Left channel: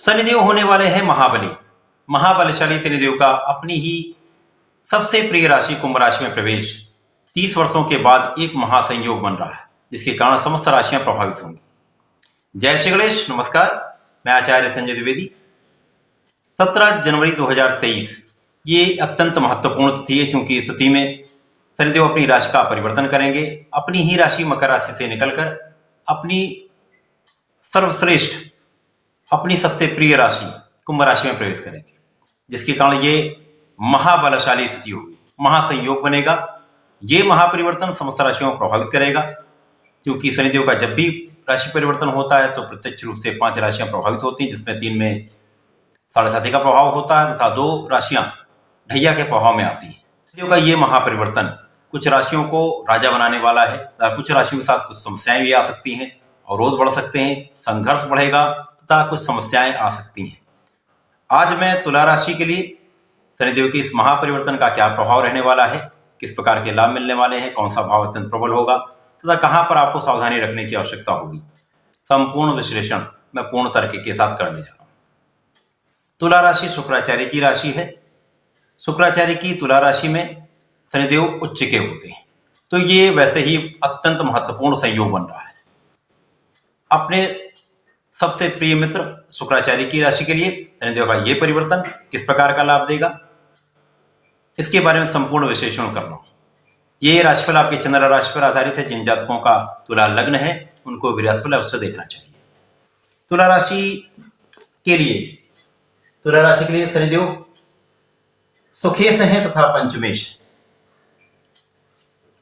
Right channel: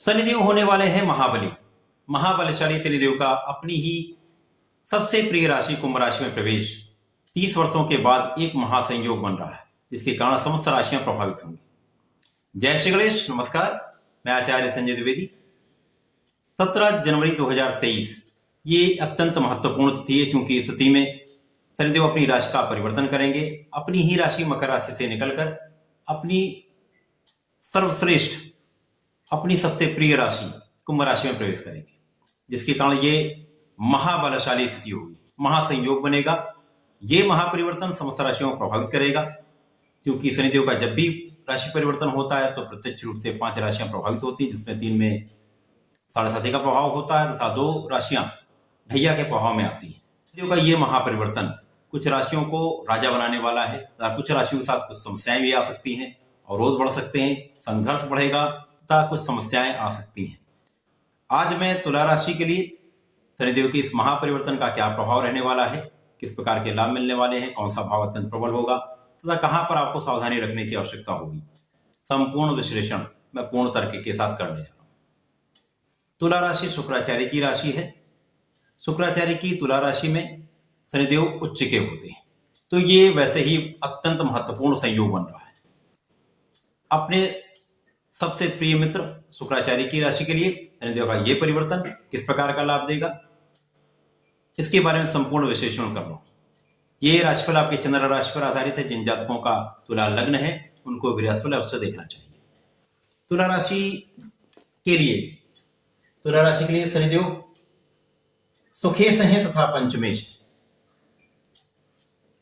शनिदेव होने वाले हैं महाबली। महाबलशाली शनिदेव का अपनी ही सबसे प्रिय राशि कुंभ राशि में प्रवेश 30 वर्षों के बाद एक महासंयोग बन रहा है, जिसके कारण समस्त राशियां प्रभावित होंगी। जय श्री गणेश। नमस्कार, मैं आचार्य संजय द्विवेदी। 17 जनवरी 2023 ये अत्यंत महत्वपूर्ण तिथि है, क्योंकि इस तिथि में शनिदेव अपनी राशि का परिवर्तन करेंगे। अपनी ही राशि मकर राशि से निकलकर अपनी सर्वश्रेष्ठ, अपनी सबसे प्रिय राशि कुंभ राशि में प्रवेश करेंगे, जिसके कारण ये महाबलशाली स्थिति होगी, महासंयोग बनेगा। ये महापरिवर्तन समस्त राशियों को प्रभावित करेगा, क्योंकि शनिदेव का जब भी राशि परिवर्तन होता है तो प्रत्यक्ष रूप से 5 राशियां प्रभावित होती हैं, जिसमें 3 में 7.5 का प्रभाव होता है तथा 2 राशियां ढैया के प्रभाव में आती है। शनिदेव का ये महापरिवर्तन कुछ राशियों को राजा बनाने वाला है तथा कुछ राशियों के साथ कुछ समस्याएं भी आ सकती हैं, अवरोध बढ़ सकते हैं, संघर्ष बढ़ेगा तथा कुछ समस्याएं आ सकती हैं। आज मैं तुला राशि के लिए शनिदेव के इस महापरिवर्तन का क्या प्रभाव रहने वाला है, किस प्रकार के लाभ मिलने वाले हैं, कौन सा भाव अत्यंत प्रबल होगा तथा कहां पर आपको सावधानी रखने की आवश्यकता होगी, संपूर्ण विश्लेषण मैं पूर्ण तर्क के साथ करने जा रहा हूं। तुला राशि शुक्राचार्य की राशि है। शुक्राचार्य की तुला राशि में शनिदेव उच्च के होते हैं, तो ये वैसे ही अत्यंत महत्वपूर्ण संयोग बन रहा है। अपने सबसे प्रिय मित्र शुक्राचार्य की राशि के लिए शनिदेव का ये परिवर्तन किस प्रकार का लाभ देगा, इसके बारे में संपूर्ण विश्लेषण कर रहा हूं। ये राशिफल आपके चंद्र राशि पर आधारित है। जिन जातकों का तुला लग्न है उनको भी राशिफल अवश्य देखना चाहिए। तुला राशि के लिए शनिदेव सुखेश हैं तथा पंचमेश,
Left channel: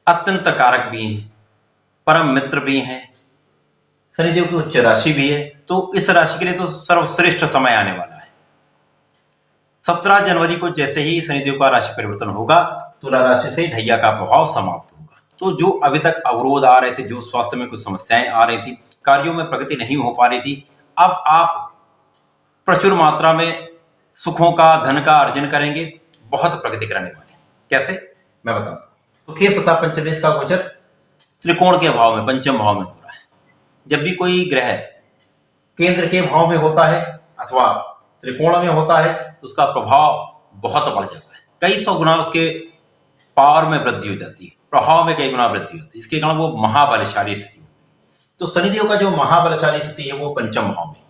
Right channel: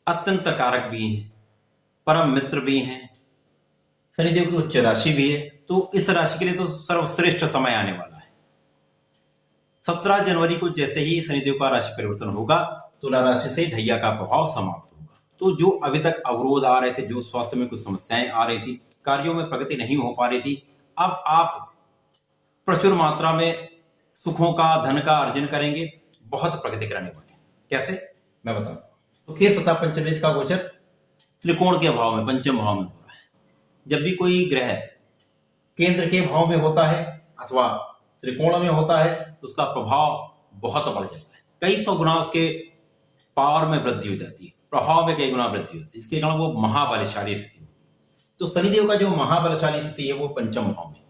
अत्यंत कारक भी हैं, परम मित्र भी हैं, शनिदेव की उच्च राशि भी है, तो इस राशि के लिए तो सर्वश्रेष्ठ समय आने वाला है। 17 जनवरी को जैसे ही शनिदेव का राशि परिवर्तन होगा, तुला राशि से ढैया का प्रभाव समाप्त होगा। तो जो अभी तक अवरोध आ रहे थे, जो स्वास्थ्य में कुछ समस्याएं आ रही थी, कार्यों में प्रगति नहीं हो पा रही थी, अब आप प्रचुर मात्रा में सुखों का, धन का अर्जन करेंगे, बहुत प्रगति करने वाले। कैसे, मैं बताऊं। सुखेश तथा पंचमेश का गोचर त्रिकोण के भाव में, पंचम भाव में हो रहा है। जब भी कोई ग्रह केंद्र के भाव में होता है अथवा त्रिकोण में होता है तो उसका प्रभाव बहुत बढ़ जाता है, कई सौ गुना उसके पावर में वृद्धि हो जाती है, प्रभाव में कई गुना वृद्धि होती है। इसके कारण वो महाबलशाली स्थिति होती है। तो शनिदेव का जो महाबलशाली स्थिति है वो पंचम भाव में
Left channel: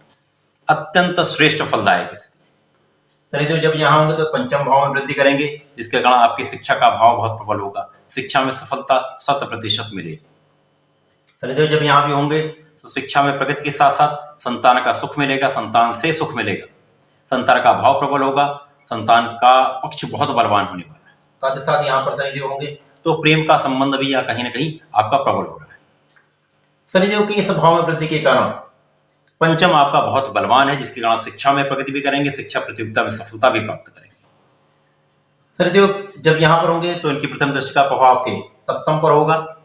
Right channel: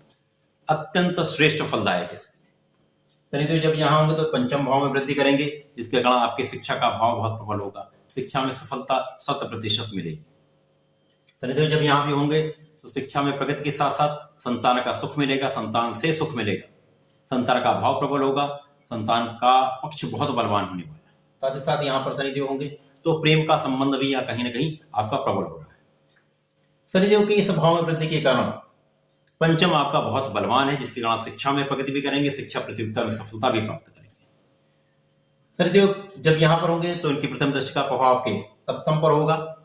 अत्यंत श्रेष्ठ फलदायक स्थिति। शनिदेव जब यहाँ होंगे तो पंचम भाव में वृद्धि करेंगे, जिसके कारण आपकी शिक्षा का भाव बहुत प्रबल होगा, शिक्षा में सफलता 100% मिलेगी। शनिदेव जब यहाँ भी होंगे तो शिक्षा में प्रगति के साथ साथ संतान का सुख मिलेगा, संतान से सुख मिलेगा, संतान का भाव प्रबल होगा, संतान का पक्ष बहुत बलवान होने वाला है। साथ ही साथ यहाँ पर शनिदेव होंगे तो प्रेम का संबंध भी या कहीं ना कहीं आपका प्रबल हो रहा है। शनिदेव के इस भाव में वृद्धि के कारण पंचम आपका बहुत बलवान है, जिसके कारण शिक्षा में प्रगति भी करेंगे, शिक्षा प्रतियोगिता में सफलता भी प्राप्त करेंगे। शनिदेव जब यहाँ पर होंगे तो इनकी प्रथम दृष्टि का प्रभाव आपके सप्तम पर होगा।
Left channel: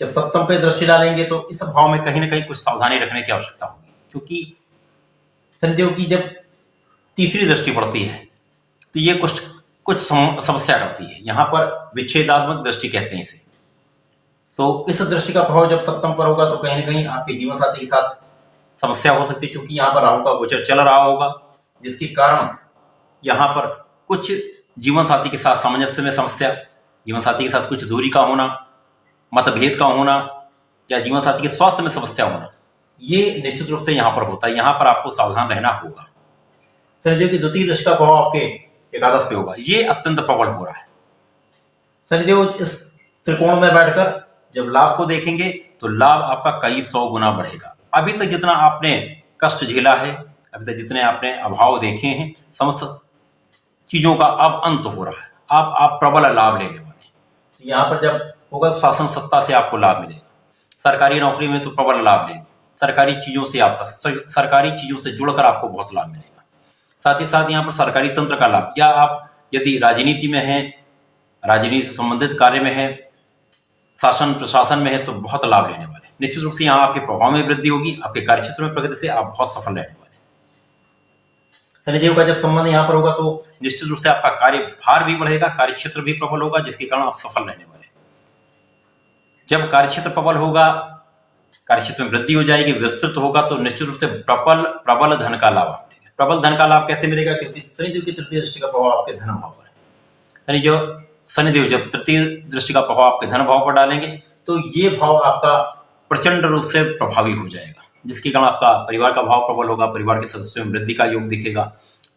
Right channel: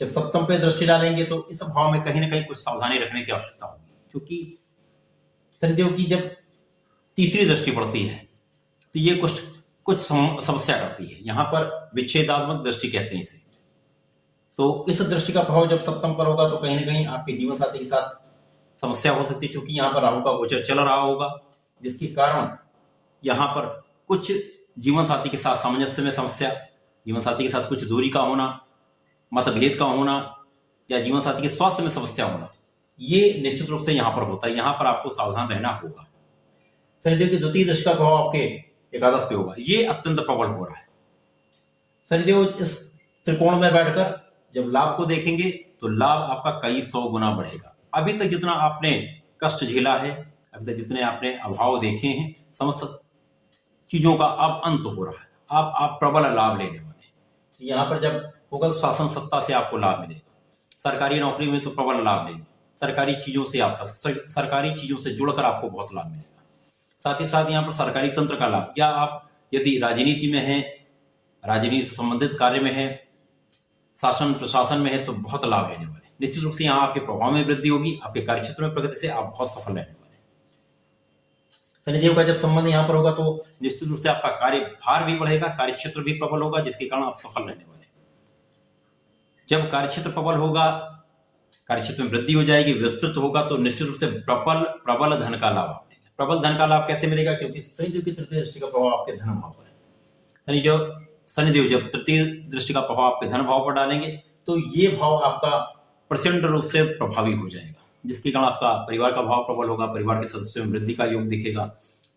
जब सप्तम पे दृष्टि डालेंगे तो इस भाव में कहीं ना कहीं कुछ सावधानी रखने की आवश्यकता होगी, क्योंकि शनिदेव की जब तीसरी दृष्टि पड़ती है तो ये कुछ समस्या करती है। यहाँ पर विच्छेदात्मक दृष्टि कहते हैं इसे। तो इस दृष्टि का प्रभाव जब सप्तम पर होगा तो कहीं ना कहीं आपके जीवन साथी के साथ समस्या हो सकती है, क्योंकि यहाँ पर राहु का गोचर चल रहा होगा, जिसके कारण यहाँ पर कुछ जीवन साथी के साथ सामंजस्य में समस्या, जीवन साथी के साथ कुछ दूरी का होना, मतभेद का होना या जीवन साथी के स्वास्थ्य में समस्या होना, ये निश्चित रूप से यहाँ पर होता है। यहाँ पर आपको सावधान रहना होगा। शनिदेव की द्वितीय दृष्टि का प्रभाव आपके एकादश पे होगा, ये अत्यंत प्रबल हो रहा है। शनिदेव इस त्रिकोण में बैठकर जब लाभ को देखेंगे तो लाभ आपका कई 100 गुना बढ़ेगा। अभी तक जितना आपने कष्ट झेला है, अभी तक जितने आपने अभाव देखे हैं, समस्त चीजों का अब अंत हो रहा है। अब आप प्रबल लाभ लेने वाले हैं। यहाँ पर जब होगा शासन सत्ता से आपको लाभ मिलेगा, सरकारी नौकरी में तो प्रबल लाभ लेंगे, सरकारी चीजों से जुड़कर आपको बहुत लाभ मिलेगा। साथ ही साथ यहाँ पर सरकारी तंत्र का लाभ, या आप यदि राजनीति में हैं, राजनीति से संबंधित कार्य में है, शासन प्रशासन में है, तो बहुत लाभ लेने वाले। निश्चित रूप से यहाँ आपके प्रभाव में वृद्धि होगी, आपके कार्यक्षेत्र में प्रगति से आप बहुत सफल रहने वाले। शनिदेव का जब संबंध यहाँ पर होगा तो निश्चित रूप से आपका कार्य भार भी बढ़ेगा, कार्यक्षेत्र भी प्रबल होगा, जिसके कारण आप सफल रहने वाले। जब कार्यक्षेत्र प्रबल होगा कार्यक्षेत्र में वृद्धि हो जाएगी, विस्तृत होगा, तो निश्चित रूप से प्रबल धन का लाभ आप लेंगे। प्रबल धन का लाभ कैसे मिलेगा? क्योंकि शनिदेव की तृतीय दृष्टि का प्रभाव आपके धन भाव पर है। शनिदेव जब तृतीय दृष्टि का प्रभाव आपके धन भाव पर डालेंगे तो ये भाव आपका प्रचंड रूप से प्रभावी हो जाएगा, जिसके कारण आपका परिवार का भाव प्रबल होगा, परिवार के सदस्यों में वृद्धि का योग दिखेगा,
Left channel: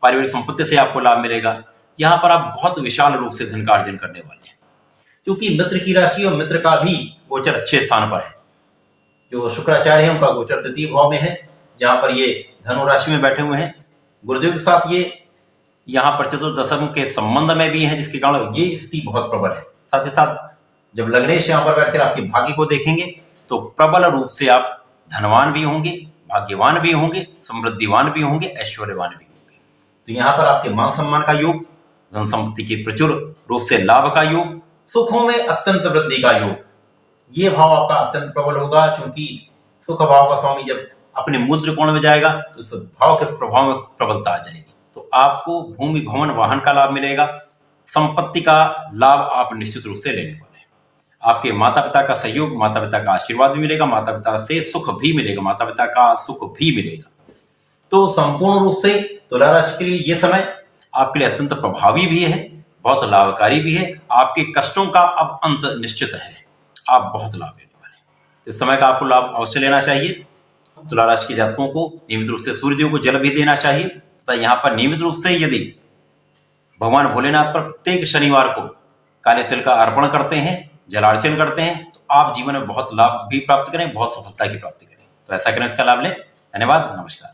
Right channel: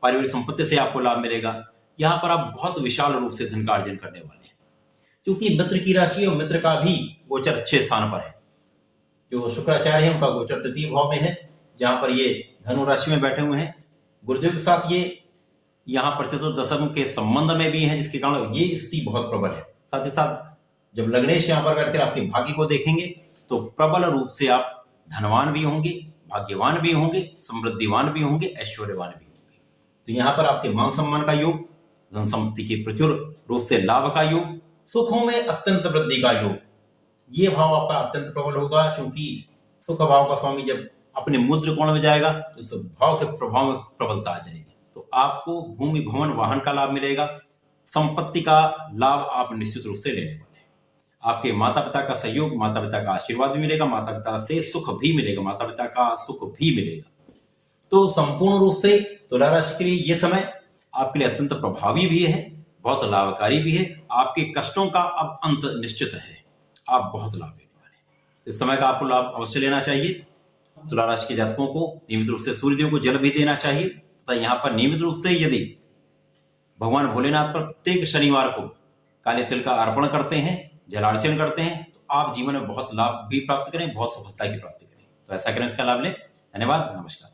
पारिवारिक संपत्ति से आपको लाभ मिलेगा। यहाँ पर आप बहुत विशाल रूप से धन का अर्जन करने वाले हैं, क्योंकि मित्र की राशि और मित्र का भी गोचर अच्छे स्थान पर है। जो शुक्राचार्य है उनका गोचर तृतीय भाव में है, जहां पर ये धनु राशि में बैठे हुए हैं। गुरुदेव के साथ ये यहाँ पर चतुर्दशम के संबंध में भी है, जिसके कारण ये स्थिति बहुत प्रबल है। साथ ही साथ जब लग्नेश यहाँ पर बैठकर आपके भाग्य को देखेंगे तो प्रबल रूप से आप धनवान भी होंगे, भाग्यवान भी होंगे, समृद्धिवान भी होंगे, ऐश्वर्यवान भी होंगे। तो यहाँ पर आपके मान सम्मान का योग, धन संपत्ति के प्रचुर रूप से लाभ का योग, सुखों में अत्यंत वृद्धि का योग, ये भाव आपका अत्यंत प्रबल होगा। क्योंकि सुख भाव का स्वामी जब अपने मूल त्रिकोण में जाएगा तो इस भाव के प्रभाव में प्रबलता आ जाएगी। तो आपको भूमि भवन वाहन का लाभ मिलेगा, संपत्ति का लाभ आप निश्चित रूप से लेने वाले हैं। आपके माता पिता का सहयोग, माता पिता का आशीर्वाद भी मिलेगा, माता पिता से सुख भी मिलेगा, माता पिता का सुख भी मिलेगा। तो संपूर्ण रूप से तुला राशि के लिए ये समय आपके लिए अत्यंत प्रभावी भी है, बहुत लाभकारी भी है। आपके कष्टों का अब अंत निश्चित है, आप बहुत लाभ लेने वाले हैं। तो इस समय का आपको लाभ अवश्य लेना चाहिए। तुला राशि के जातकों को नियमित रूप से सूर्यदेव को जल भी देना चाहिए तथा यहाँ पर नियमित रूप से यदि भगवान भोलेनाथ पर प्रत्येक शनिवार को काले तिल का अर्पण करते हैं, जलार्चन करते हैं, तो आप जीवन में बहुत लाभ भी प्राप्त करें, बहुत सफलता की प्राप्ति करें। तो ऐसा करें, इसका लाभ लें। धन्यवाद, नमस्कार।